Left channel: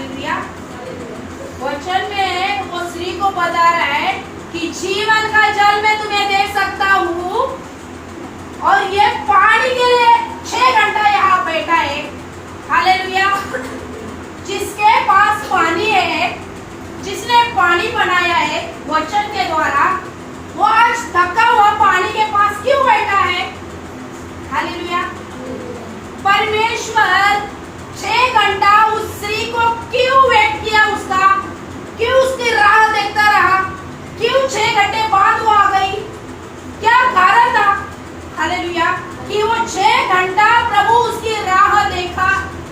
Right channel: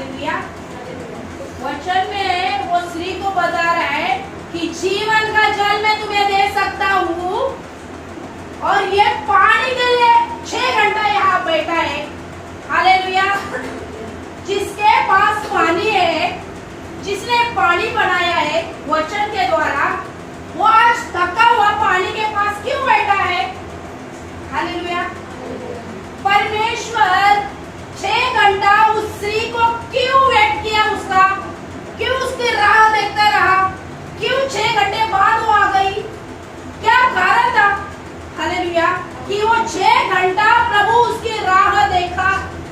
Hallelujah. वचन में वो स्त्री को बता रहा है कि जीवन का जल मैं तुम्हें दे सकता हूँ, और ये पानी के लिए 6 घंटा यहाँ बैठा है। हालेलुया। जिसके पास पानी है, जिसने पानी बनाया है वचन के द्वारा, वो आज थका हुआ पानी के पास क्यों बैठा है? हालेलुया। परमेश्वर 6 घंटा उस स्त्री को क्यों वेट किया, उसका क्यों उसकी राह देखता रहा, क्यों 6 घंटे बाद वो आ गई? क्या कारण था? हालेलुया। कि वो 6 घंटा प्रभु उसकी राह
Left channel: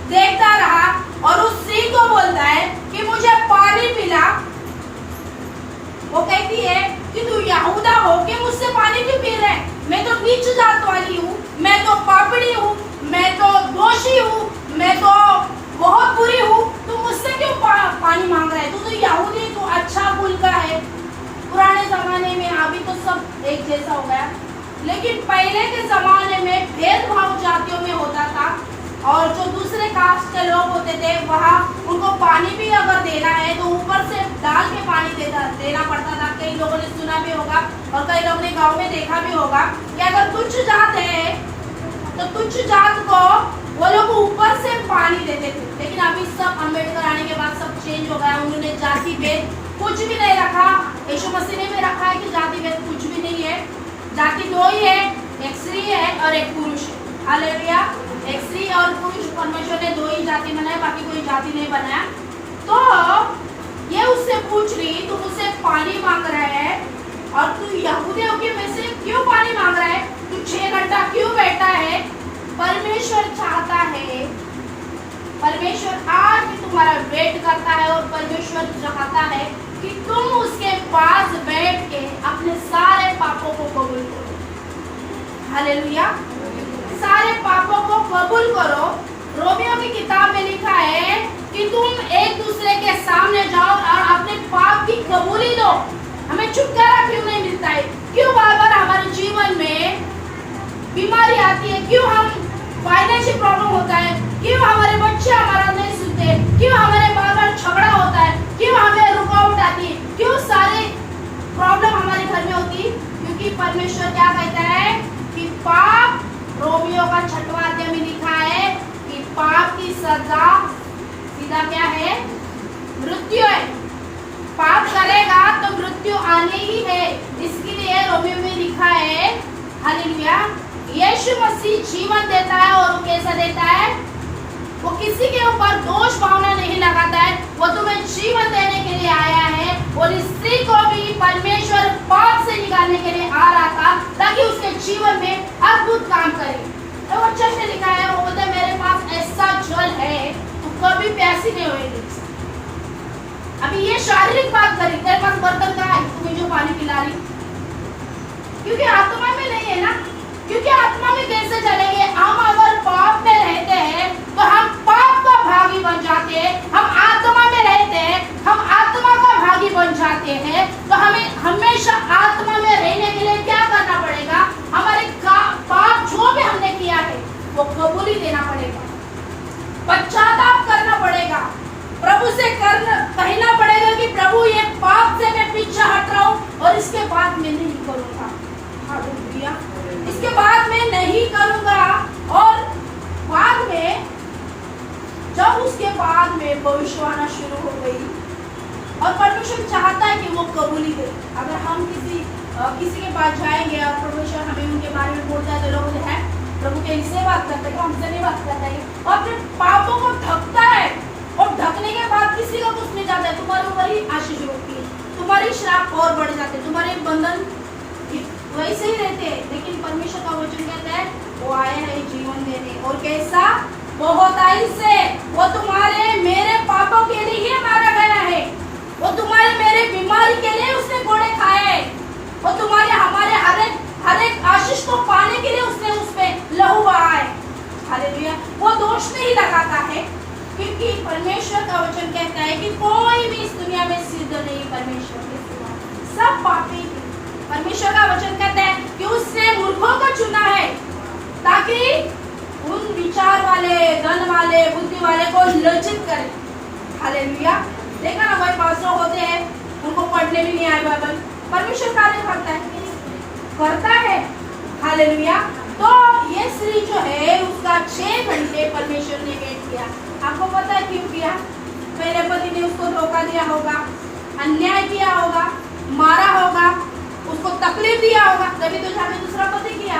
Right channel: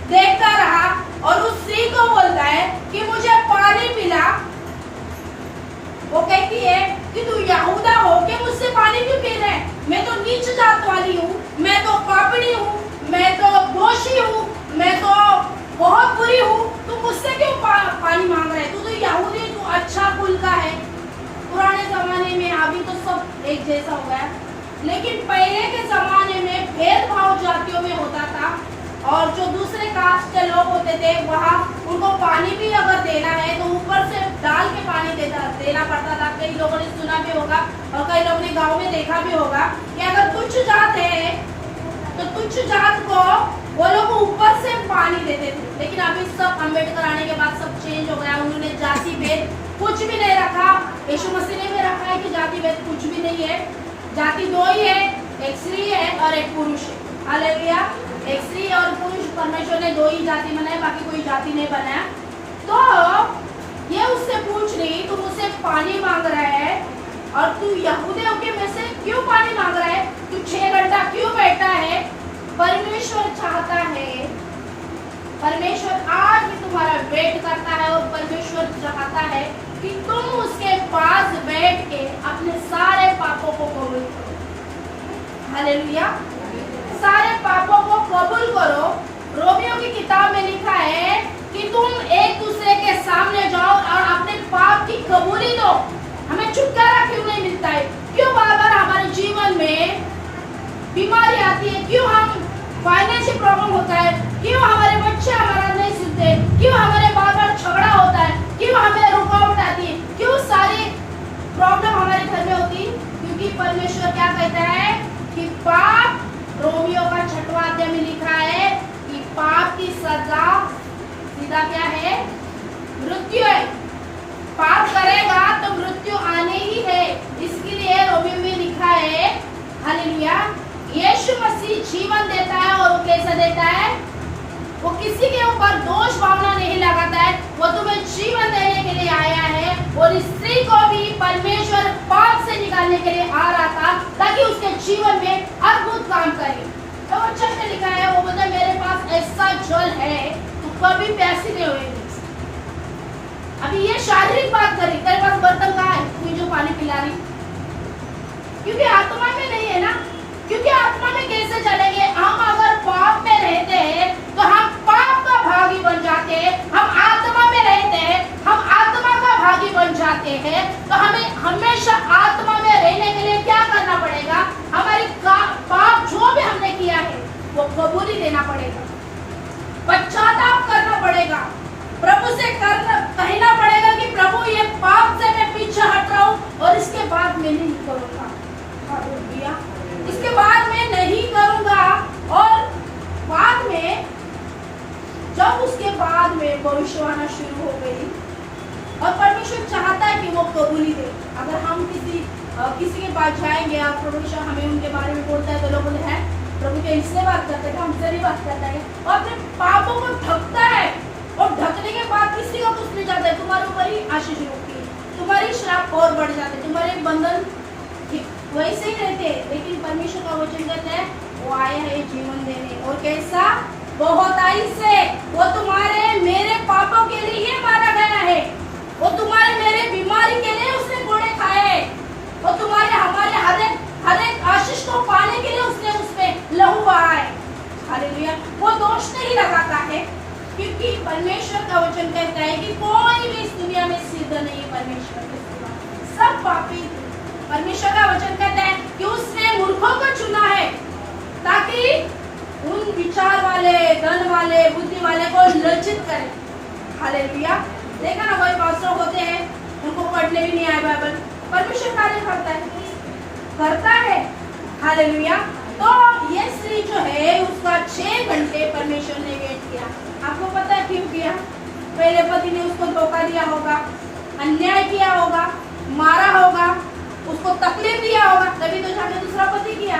देखता रहा और उस स्त्री को बोलता है कि मुझे पानी पिला। वो कहती है कि तू यहूदा होके मुझसे पानी क्यों पी रहे? मैं तो नीच जात वाली हूँ, मैं तो पापड़ी हूँ, मैं तो दोषी हूँ, मैं तो बहुत बुरी हूँ, तू मुझसे क्यों पानी मांग रहा है? तू तो यहूदी, तू अच्छा कुल का है। पुराने जमाने में, अभी तो सब एक जैसा हो गया, लेकिन पहले के जमाने में भेदभाव जातियों में होता था, और जो दूसरे कास्ट के लोग होते थे वहाँ उनको पानी भी अगर देना है तो ऊपर से डाल के पानी देना पड़ता था। कई लोगों ने सुना भी होगा और कई लोगों ने गांव में देखा भी होगा कि अगर तुच्छ जात है तो तुच्छ जात को वो लोग ऊपर से पानी देते थे। लेकिन अभी सब अम्बेडकर आने के बाद सब चेंज हो गया। उन्होंने जाति भेद कुछ भी नहीं रखा। यीशु मसीह ने भी रखा है कि जाति भेद कुछ भी नहीं है। जाति 2 ही है, एक स्त्री है और एक पुरुष है। हालेलुया। एक स्त्री और पुरुष, परमेश्वर ने 2 ही जाति बनाया, बाकी कोई जाति नहीं बनाया। तो ये उससे पूछ रही, तू मुझसे पानी मांग रहा है और तू यहूदी होके मुझसे क्यों पानी मांग रहा है? तू 6 घंटा क्यों बैठा है? परमेश्वर चाहता है, परमेश्वर आज भी तुम्हारा वेट करता है, और परमेश्वर चाहता है कि तुम उसके पास बैठ के अपने सारे पापों को कबूल करो। हालेलुया। सारे पापों को कबूल करो। रोमियो की किताब में लिखा है कि तुम एक दूसरे के सामने जाओ और अपने पाप की कबूली दो। हमें छुटकारा क्यों नहीं मिलता है? क्यों बार बार हमारे जीवन में बीमारी आती है? क्यों हम फाइनेंशियल प्रॉब्लम होता है? क्यों हमारे बच्चे हमारा नहीं सुनते? क्यों हमारे बार बार झगड़ा होता है? क्यों हमें रुकावट आती है? क्यों सारी प्रॉब्लम हमारे घर में होती है? क्योंकि परमेश्वर क्या कहता है कि पाप, रोमियो का 6वां अध्याय में लिखा है कि पाप की सजा सीधा क्या है? मृत्यु है। पाप करेगा तो मृत्यु आने ही है। इसके लिए रोमियो में लिखा है, हालेलुया, यीशु मसीह जीवन देता है, और वो कैसा देता है? वो किसी के ऊपर दोष भावना नहीं लगाता है। वो तुम्हें जीवन देने के लिए आया है, और इस स्त्री को भी परमेश्वर पाप से निकालने के लिए आ रहा था ताकि उसके जीवन में अद्भुत काम करे। तो वो चर्च में लिखा है, वो बोलता है मेरे पास ऐसा जल है तू कभी प्यासी नहीं होगी। अभी ये शारीरिक बात करी, तेरे पास बर्तन का है, तू जो पानी पिला रही, क्योंकि आत्मा में नहीं है ना। क्योंकि आत्मा में कैसे चलेंगे? हम अगर पाप में रहते हैं तो हम पाप का भागी बन जाते हैं। हम आत्मा में रहते हैं, हम आत्मा का भागी बन जाते हैं। तो हमें हमेशा आत्मा में रहने के लिए क्या करना पड़ेगा? हमारे पाप जो भी हमने किया है वो कबूली देना पड़ेगा, पश्चाताप करना पड़ेगा, प्रभु से कहना पड़ेगा कि प्रभु ये पाप से मैं पीछे हट रहा हूँ और इसके बाद मैं नहीं करूँगा। हालेलुया। इसके बाद मैं नहीं करूँगा। और बाद में जब उसके बाद में भविष्यवाणी शुरू हो गई, और परमेश्वर चाहता है कि वो कबूली दे। अगर हम किसी के पास जाएंगे और परमेश्वर हमें उनके बारे में बोलता है तो लोग बोलते हैं प्रभु के इससे बात करते हैं, हमसे नहीं बात करता है, और अपने पापों को ढकता है, और ढकने के बाद किसी को कुछ नहीं चाहता है। तुम्हारे ऊपर ही आशीष होती है, तुम्हारी श्राप और बढ़ जाते हैं, तुम्हारे बंधन वैसे ही रहते हैं। लेकिन परमेश्वर का वचन कहता है वो आए हैं जीवन देने, और कैसा? बहुताई से। वो तुम्हारे मेरे पापों के लिए मारा गया है, वो तुम्हारे मेरे बीमारी के लिए उसने घोड़े खाए, वो तुम्हारे हमारे हर एक आशीष को पाने के लिए उसने उसमें लहू बहाए। हालेलुया। वो दोष नहीं लगाता है, क्योंकि परमेश्वर का वचन कहता है कि कोई भी इस दुनिया में सिद्ध नहीं है परमेश्वर के सिवा, सब पापी। परमेश्वर का वचन कहता है कि उसने मूर्खों को चुना है ताकि उन विचार वाले, धन वाले, बुद्धि वाले को लज्जित करे। हालेलुया। देखा ना, वही पास्टर होते हैं, उनको पढ़ने भी नहीं आए बाइबल, परमेश्वर कार्य करता है। हालेलुया। तो ये स्त्री जो है उसका 6 घंटे परमेश्वर ने वेट किया। आपको पता है क्यों किया? पहले पति ने उसको धोखा दिया होगा, अन्याय किया होगा, मारा होगा, उसको तकलीफ दिया होगा, तभी तो जाके दूसरा पति किया।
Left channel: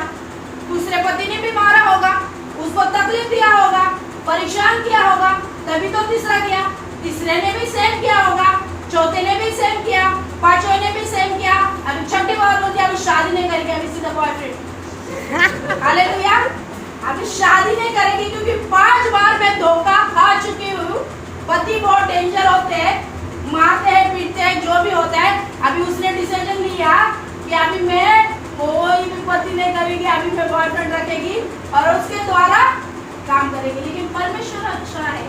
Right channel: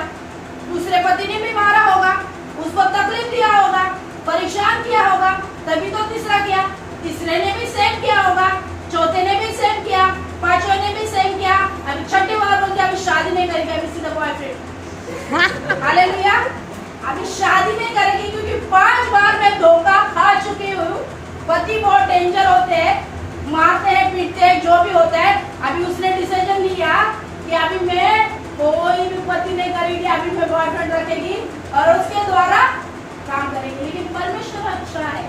दूसरे पति ने भी मारा होगा, उसको तकलीफ दिया होगा, परेशान किया होगा, तभी तो तीसरा किया। तीसरे ने भी सेम किया होगा, चौथे ने भी सेम किया, पांचवें ने भी सेम किया, अभी छठी बार बोलते अभी शादी नहीं करेगी, अभी सीधा बॉयफ्रेंड। हालेलुया। अभी शादी नहीं करेगी क्योंकि 5 बार मैं धोखा खा चुकी हूँ। पति बहुत डेंजर होते हैं, मारते हैं, पीटते हैं, जो भी होता है। अभी उसने डिसीजन लिया कि अभी मैं कोई भी पति नहीं करेगी, अभी मैं बॉयफ्रेंड रखेगी और उसके द्वारा काम करेगी। लेकिन परमेश्वर अच्छा है।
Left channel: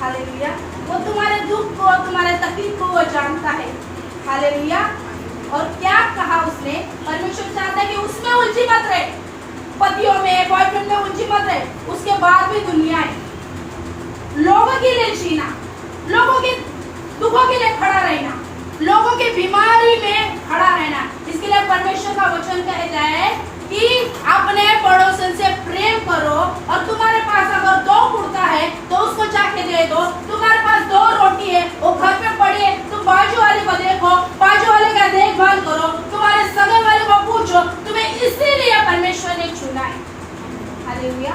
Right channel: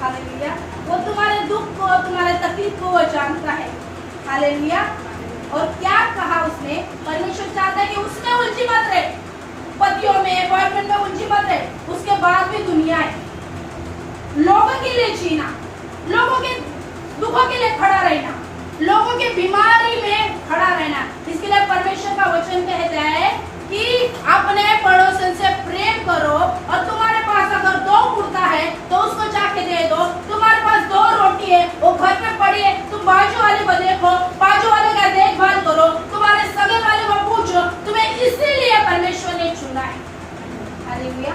हालेलुया। वो तुम्हारे दुख को, तुम्हारे तकलीफ को वो जानता है। हालेलुया। और क्या कहा उसने? परमेश्वर चाहता है कि उसमें उलझी मत रहे, पतियों में, बॉयफ्रेंड में उलझी मत रहे। उसके बाद भी दुनिया है, लोगों के लिए जीना, लोगों के दुखों के लिए खड़ा रहना, लोगों की बीमारी में खड़ा रहना। इसके लिए परमेश्वर का वचन कहता है कि अपने पड़ोसन से प्रेम करो, और तुम्हारे पास अगर 2 कुर्ता है तो उसको जाके दे दो। तुम्हारे पास 2 रोटी है, वो घर पे पड़ी है, तुम बाजू वाले को देखो, बाजू वाले का देखभाल करो, तुम्हारे सगे वाले को पूछो, तुम्हें इसीलिए परमेश्वर ने चुना है। हालेलुया।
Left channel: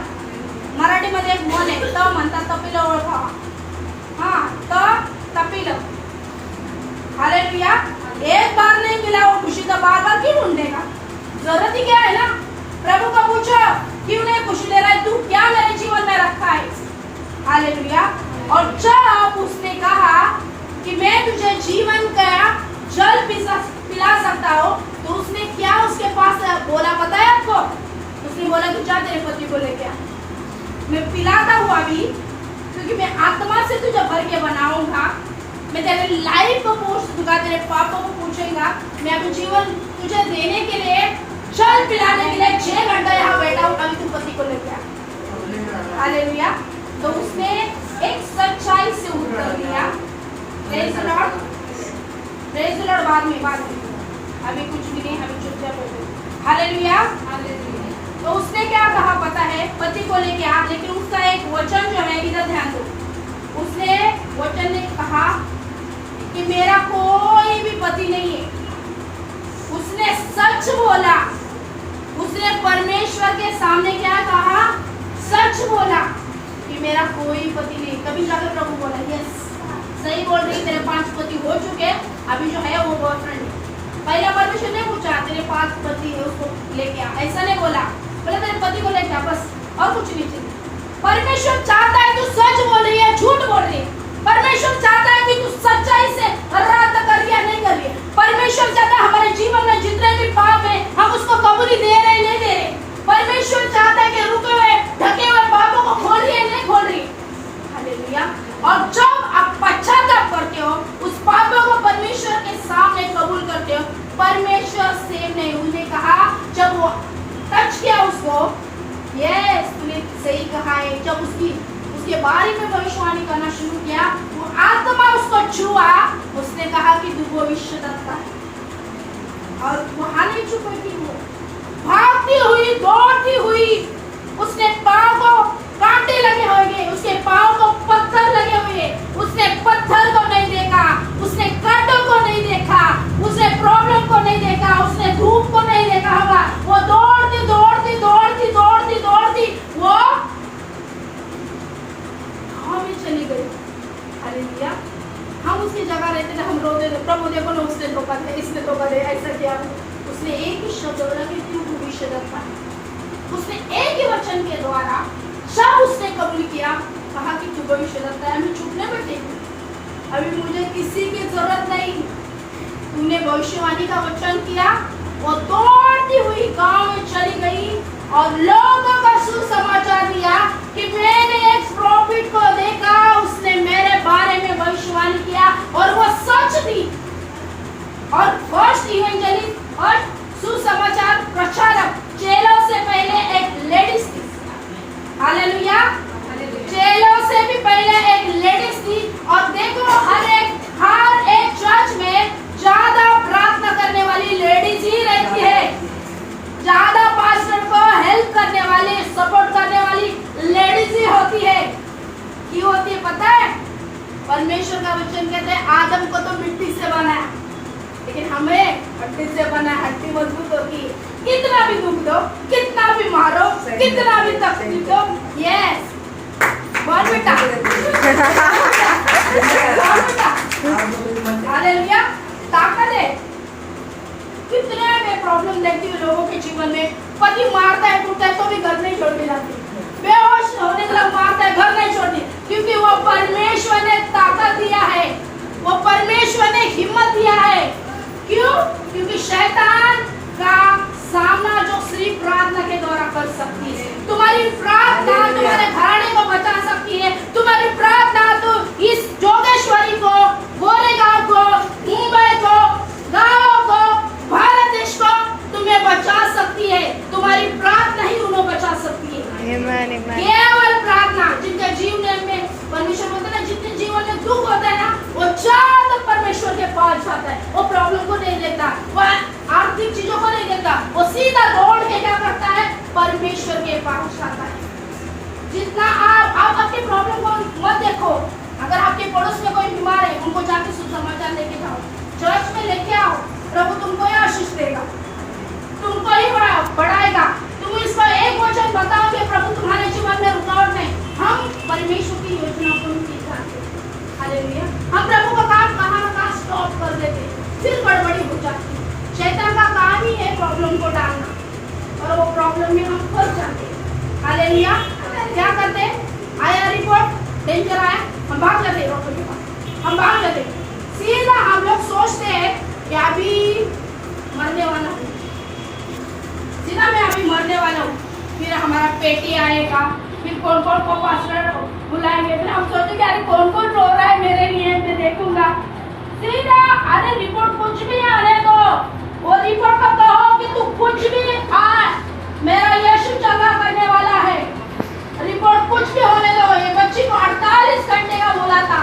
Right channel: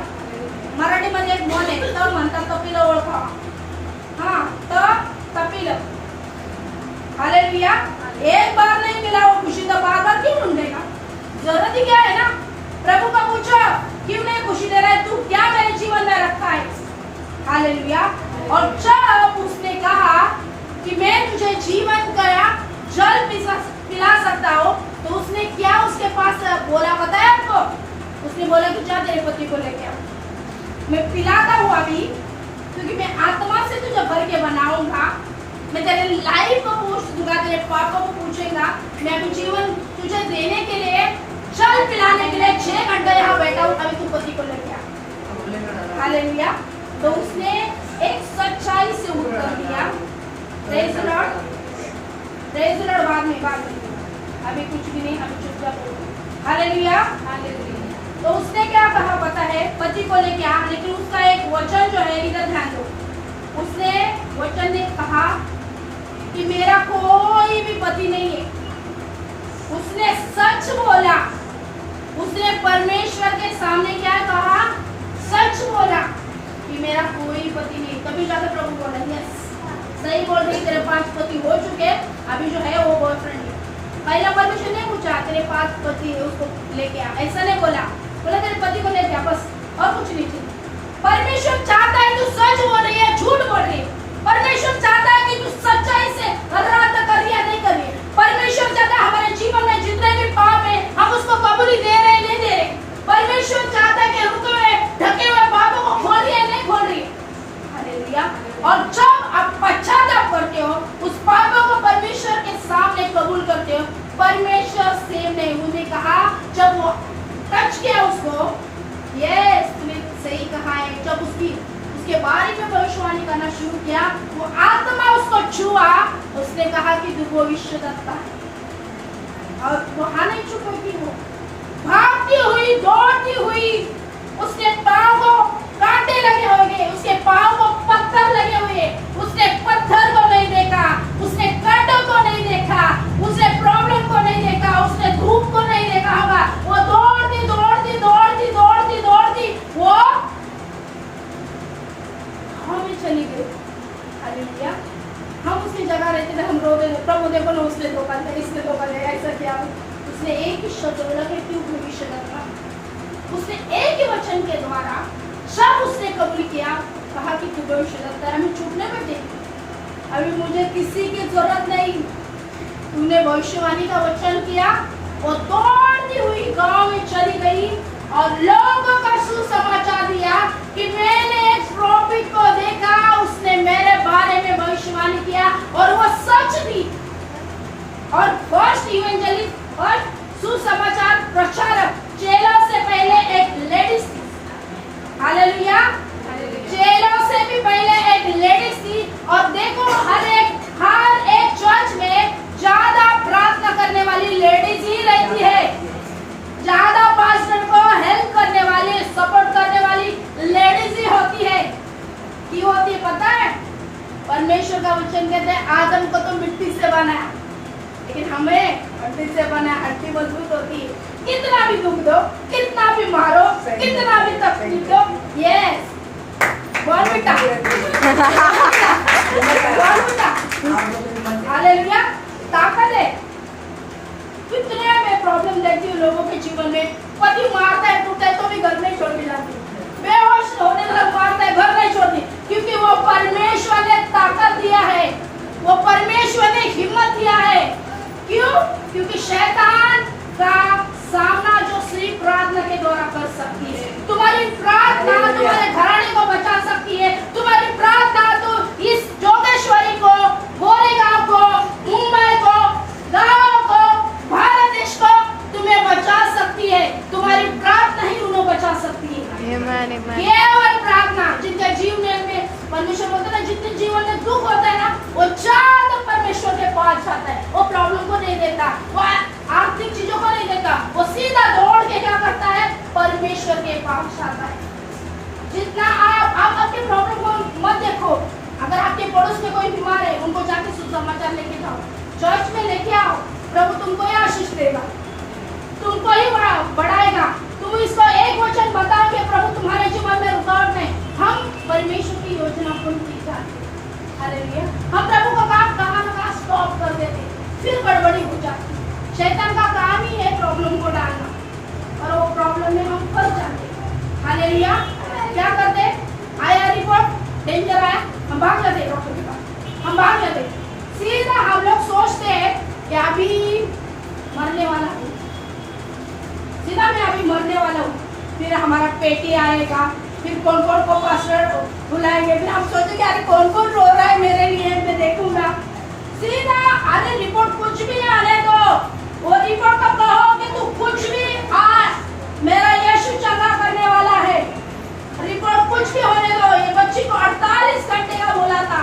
मराठी मध्ये एक म्हण आहे, त म्हणतात तपिलं ओळखा। हाँ, त तपिलं। हालेलुया। एक बार नहीं मिला वो खुशी, तो बार बार क्यों ढूंढेगा? जरूरत ही क्या है ना? प्रभु को पूछो, क्यों नहीं खुशी दे रहा है तू? क्या मेरे जीवन में रखा है? हालेलुया। और जब उसने कहा कि मैं तुझे जीवन का जल पिला सकता हूँ, तो उसने क्या उसके पास बोला पता है आपको? उसने बोला कि जा तेरे पति को लेके आ, मैं पिलाता हूँ अभी, क्योंकि मैं आत्मा से तुझे भर के बनाऊंगा, मैं तेरे लाइफ को पूछ दूंगा, तेरे पापों को पूछूंगा। मैं अभी जीवन तुझे देने के लिए, जल पिलाने के लिए 6 घंटे यहाँ बैठा हूँ, अभी तू पति को लेके आ। हालेलुया। तो उसने एक सच्चाई से उत्तर दिया। Praise the Lord, praise the Lord. बाद में अभी कुछ भी नहीं, अभी चुपचाप हो गई। हालेलुया। तो उसने क्या कहा पता है? पति को लेके आ, लेकिन उसका एक वचन जो है, इधर ध्यान दो। उसने वचन ने कहा कि मेरा कोई भी पति नहीं है। उसने सच बोला, उसने परमेश्वर के सामने क्या कहा? सच बोला कि मेरा कोई पति नहीं। तभी जाकर प्रभु बोला यस, सही बोल रही, तेरे 5 पति हो चुके, अभी जो है वो बॉयफ्रेंड है। पहले परमेश्वर ने पूछा तेरे 5 पति है, उसको लेके आ, ऐसा नहीं बोला, बोला तेरे पति को लेके आ, बस, और कुछ नहीं चाहिए। परमेश्वर चाहता है तू सच बोल रही है, झूठ बोल रही है। परमेश्वर चाहता है कि तू सच्चाई से रात कर रही है, नहीं कर रही है। परमेश्वर चाहता है हमारे जीवन में जितने भी पाप है, हम उसको कबूली दे रहे हैं, नहीं दे रहे। परमेश्वर चाहता है कि रुके हुए, ढके हुए पापों को खोल रही है, नहीं खोल रही। हालेलुया। और जब आप पश्चाताप करते हो, उस पापों को परमेश्वर के सामने कबूल करते हो, परमेश्वर सेम नहीं। उन्हें कहा, जब वो टच किया उसको, यस तूने सही कहा है। जब उसके बारे में भविष्यवाणी करना शुरू किया, वो आत्मा उसको छुआ, उसने कहा कि तू भविष्यद्वक्ता है। और वहां नहीं छुपी थी, वो भागती हुई, दौड़ती हुई, उसने पांव को कांटे लगे हुए, उसके पांव को पत्थर लगे हुए, उसने पत्थर को नहीं देखा, उसने कांटों को नहीं देखा, उसने प्रॉब्लम को नहीं देखा, उसने धूप को नहीं देखा होगा। वो दौड़ती दौड़ती दौड़ती दौड़ती दौड़ती वो हमें चली गई। हालेलुया। हम उसकी जगह रहते थे, हम रोते थे, प्रभु देखो ना उसने धोखा दिया, इसने धोखा दिया, ऐसा किया। उसने एक ही शब्द बोला कि तू भविष्यद्वक्ता। उसने एक ही वचन के द्वारा जब उसने कबूल किया, कहा कि तू भविष्यद्वक्ता है, हमें छूटने में दे, अभी मुझे किसी की जरूरत नहीं। तूने भविष्यवाणी का वचन किया। वो दौड़ती हुई गांव में चली गई और लोगों का सुसमाचार दिया कि मैंने एक प्रॉफिट को देखा, उसने मेरे बारे में भविष्यवाणी किया और वो सच थी। और फर्स्ट इवेंजलिस्ट और सुसमाचार प्रचारक चेलों से पहले एक लेडीज थी। हालेलुया। चेलों से भी पहले एक लेडीज थी। और परमेश्वर का वचन कहते हैं आदम को तो मिट्टी से बनाया, लेकिन हमें हड्डी से बना, हड्डी मजबूत होती है। कितना भी दुख दो, कितना भी मारो, कितना भी तकलीफ दो, यस बॉर्नविटा हालेलुया ताकत है। कितने मैं प्रॉब्लम देखती हूँ लोगों के जीवन में, पति मारता है टूटता है तो भी घर नहीं छोड़ के जाती, बेहोश होने तक मारता है घर नहीं छोड़ती, क्योंकि वो परमेश्वर ने ताकत दिया है, वो परमेश्वर ने हिम्मत दिया है। क्यों? क्योंकि शैतान का सामना जो सिर्फ प्रार्थना के द्वारा कर सकती है। तुम्हारी प्रार्थना तुम्हारे घराने को बचा सकती है, तुम्हारी प्रार्थना तो इस जोगेश्वरी को, गोरेगांव को, मुंबई को, गांव को, भारत देश को तुम्हें बचा सकती है। तुम्हारी प्रार्थना ही उन्हें बचा सकती है। केवल प्रार्थना। जिनके जीवन में परमेश्वर बोलता है, जिनके जीवन में दुख होता है ना, वो चाह परमेश्वर के पास जाता है, वो प्रॉब्लम को नहीं देता, वो आर्थिक चीजों को नहीं देता, वो सीधा दौड़ के क्या करता है, परमेश्वर के पास जाता है। जितना आप अपनी प्रॉब्लम को मत देखो। अगर आपके पड़ोस में कोई बीमार है, उनको जाके सुसमाचार लेके जाओ, चर्च में लेके आओ, प्रभु तुमको ही आशीष देगा, तुमको ही बढ़ाएगा। तुम इसको एक वचन बताओगे, प्रभु तुम्हारे जीवन में रुकावट नहीं। हम परमेश्वर की योजना पूर्ण की जाती है। हालेलुया। हम प्रभु का काम कहाँ ना कहाँ स्टॉप कर देते, फिर गड़बड़ी हो जाती है। शैतान का काम ही है प्रॉब्लम को डालना, और वो प्रॉब्लम में हम फंस जाते हैं। हालेलुया। क्या करते? आया रिपोर्ट, डेंजर आया, हम भाग जाते डॉक्टर के पास, हम भाग जाते। सीधा हम लोग सोचते हैं कि अभी मरने वाला हूँ, सीधा मैं अभी मरने वाला हूँ, फिर हमारा पेटी आएगा, फिर कौन कौन को पास्टर बुलाएंगे, फिर हम सोचते कि अरे कौन कौन रो रहा है मेरे लिए, मैं देखूंगा। सीधा अरे रिपोर्ट कुछ भी आने दो, वो रिपोर्ट को कहो कि तू कुछ भी आ, मेरा यीशु चंगा करने वाला है, रिपोर्ट कुछ भी होने दो। ये बच्ची को 48 घंटे का बोला था,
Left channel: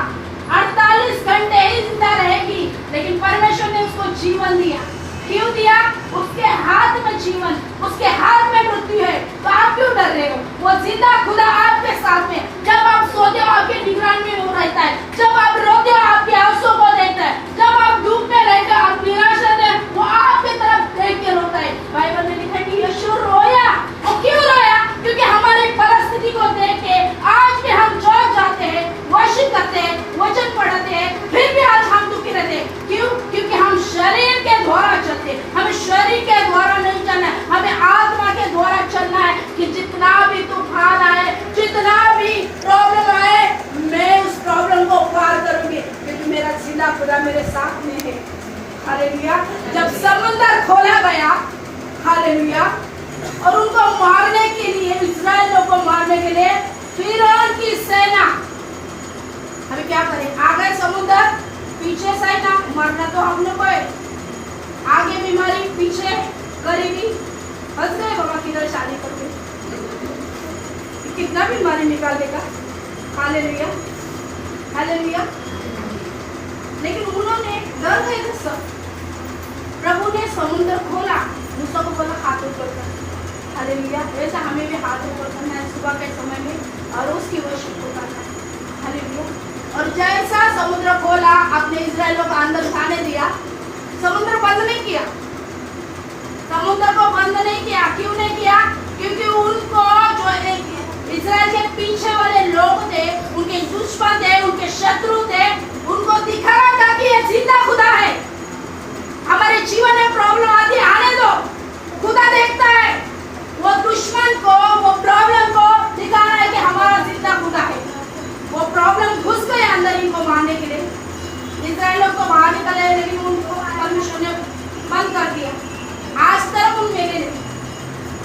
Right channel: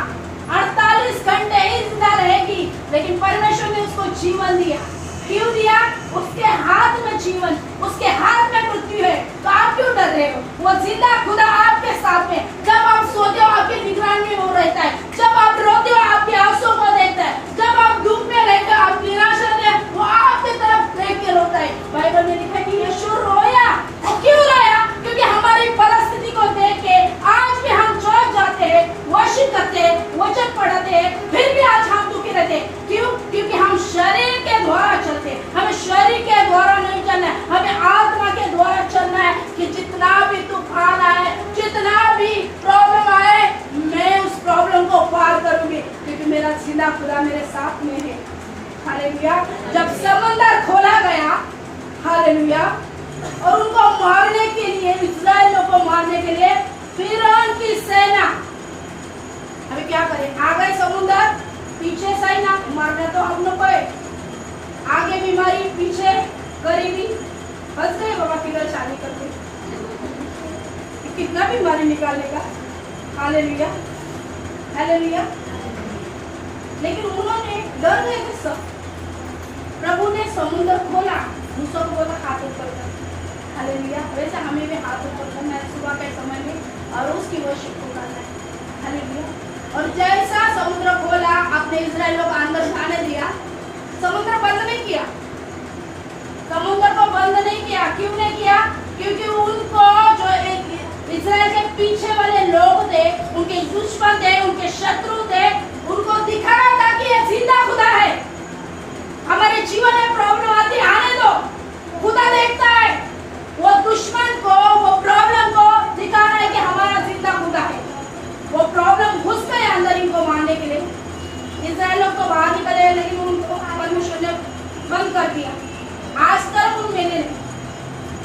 48 घंटे ही जिंदा रहेगी, लेकिन परमेश्वर ने उसको जीवन दिया। क्यों दिया? उसके हाथ में जीवन, उसके हाथ में मृत्यु है, तो आप क्यों डर रहे हो? वो जिंदा खुदा आपके साथ में। जब आप सोते हो आपकी निगरानी में वो रहता है, जब आप रोते हो आपके आंसू को देखता है, जब आप दुख में रहते हो, आप निराश रहते हैं, वो आपकी तरफ देख के रोता है। बाइबल में लिखा है कि यीशु रोया। वो क्यों रोया? क्योंकि हमारी परिस्थिति को देख के आज भी हम चौंक जाते हैं, वर्शिप करते हैं, वचन पढ़ते हैं, फिर भी आज हम दुखी रहते हैं। क्यों? क्योंकि हम शरीर के द्वारा चलते हैं। हमें शरीर के द्वारा नहीं चलना है, हमें आत्मा के द्वारा चलना है। कि जितना भी तूफान आए, जितना भी प्रॉब्लम आए, मैं उस प्रॉब्लम को पार करूंगी, क्योंकि मेरा जिंदा खुदा मेरे साथ में है। हालेलुया। जब समंदर खोला गया, हालेलुया, और उनको मारने के लिए, इस्राएलियों को मारने के लिए फिरौन की सेना, अभी क्या करें? आ गए समुद्र, पीछे सेना, मरना तो हम लोग को है, आगे बीमारी, पीछे गरीबी, फंस गए बाबा किधर शादी करके, कितना बीमारी निकालेगा। Hallelujah, hallelujah. लेकिन उन्होंने डर गए सब। प्रभु ने समुद्र खोला, मूसा को बोला हाथ ऊपर कर। हालेलुया। वैसा हमें भी हाथ ऊपर करना है सुबह के समय में, और उसकी वर्शिप को करना है। हालेलुया। और जैसा समुद्र खोला, अपने इस्राएलियों को अंदर जाने दिया, समुद्र बंद नहीं किया, समुद्र को बंद नहीं किया। क्यों नहीं किया? क्योंकि उनको जो इस्राएल के पीछे वाले लोग थे, उनके दुश्मन थे, उनके शत्रु थे, उनको दिखाना था कि ये जिंदा खुदा है। हमारे जीवन में प्रॉब्लम आती, आने दो, खुदा देखता है। वो दुश्मन को, वो प्रॉब्लम को दिखाना है कि हमारा जिंदा खुदा है। वो प्रॉब्लम घुस गए अंदर इनको मारने के लिए। इस्राएल लोग तो बाहर निकले, लेकिन उनको परमेश्वर ने बंद कर दिया। आज तक उन मेरे ने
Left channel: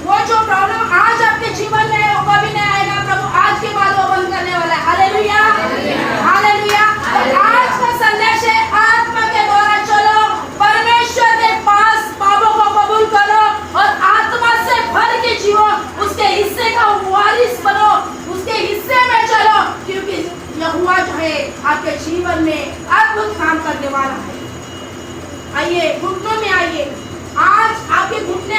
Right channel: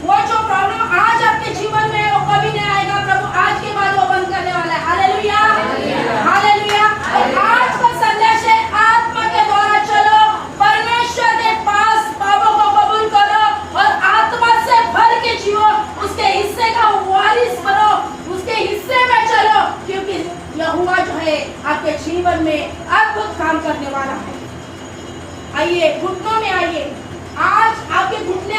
वो जो प्रॉब्लम आज आपके जीवन में है, वो कभी नहीं आएगा। प्रभु आज के बाद वो बंद करने वाला है। Hallelujah, hallelujah. आज का संदेश है, आत्मा के द्वारा चलो, परमेश्वर के पास पापों को कबूल करो, और आत्मा से भर के जियो, उसके हिस्से का वारिस बनो, उसके हिस्से में चलो, क्योंकि यहोवा जो है आपके जीवन में अद्भुत काम करने वाला है। आइए घुटनों